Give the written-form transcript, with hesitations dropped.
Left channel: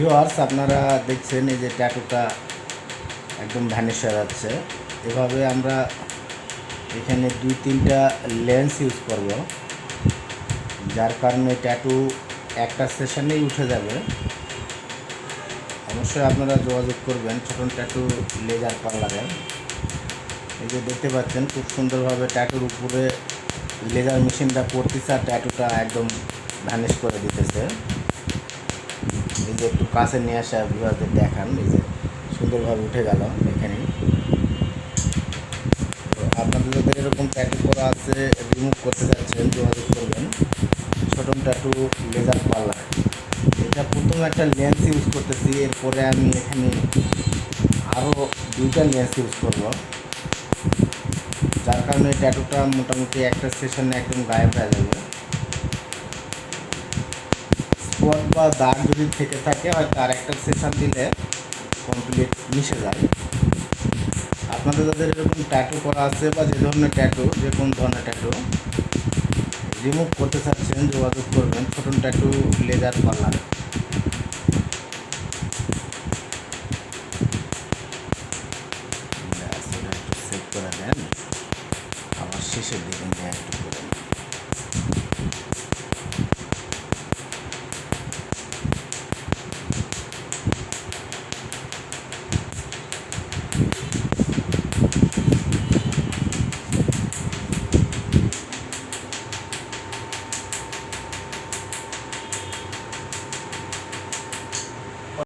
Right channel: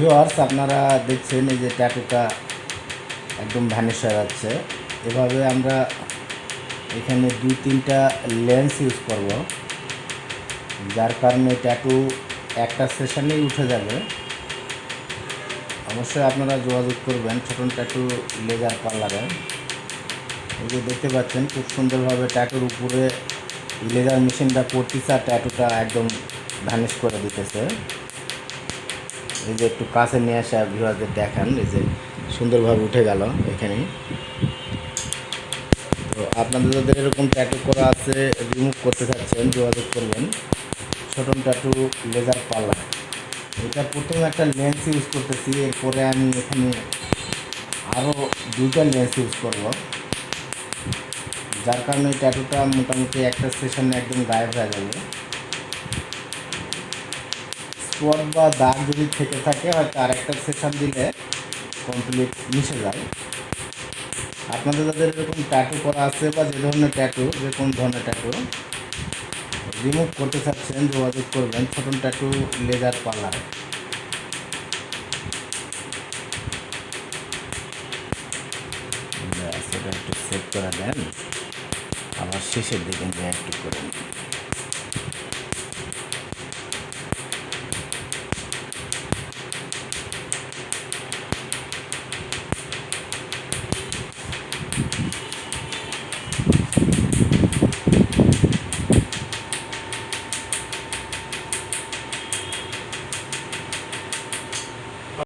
Viewers, আপনারা দেখছেন এই যে ট্যাটুটা একদম ভ্যানিশ হয়ে যাচ্ছে। এভাবে আমরা এখানে 2-3টা লেন্স ইউজ করব, যার কারণে ট্যাটু একটা সেশনেই উঠে যাবে। অবশ্যই আপনারা যোগাযোগ করবেন ছোটন ট্যাটু লেজার পার্লারে। এই যে দেখতে পাচ্ছেন খুব সুন্দরভাবে ট্যাটুর উপরে লেজার মেশিনটা পড়তেছে আর ট্যাটুটা একদম ভ্যানিশ করে দিতেছে। এই যে একটু কাছে নিয়ে আসা ভিউয়ারদের দেখান, এই যে সুন্দরভাবে উঠে গেল এখানে। তো আপনাদের যাদের এরকম ট্যাটু করা আছে, রিমুভ করতে চাচ্ছেন, যোগাযোগ করবেন ছোটন ট্যাটু লেজার পার্লার। এটা প্রথমে একটা লেন্স ইউজ করতেছি, এরপরে আমি এখানে আরও 2টা লেন্স ইউজ করব, যার কারণে ট্যাটুটা মোটামুটি একটা সেশনে একদম গায়েব হয়ে যাবে। স্পট বা দাগ যদি থেকে থাকে হয়তো আর একটা সেশন দিলে কমপ্লিট মিশে যায়। আপনাদের যাদের এরকম ট্যাটু করা আছে বা যে ধরনের ট্যাটু, যে কোন ধরনের ট্যাটু রিমুভ করতে চাচ্ছেন, যোগাযোগ করবেন ছোটন ট্যাটু লেজার পার্লারে। একটু সেভ করে দেন, আমার শেষের দিকে একটু করুন।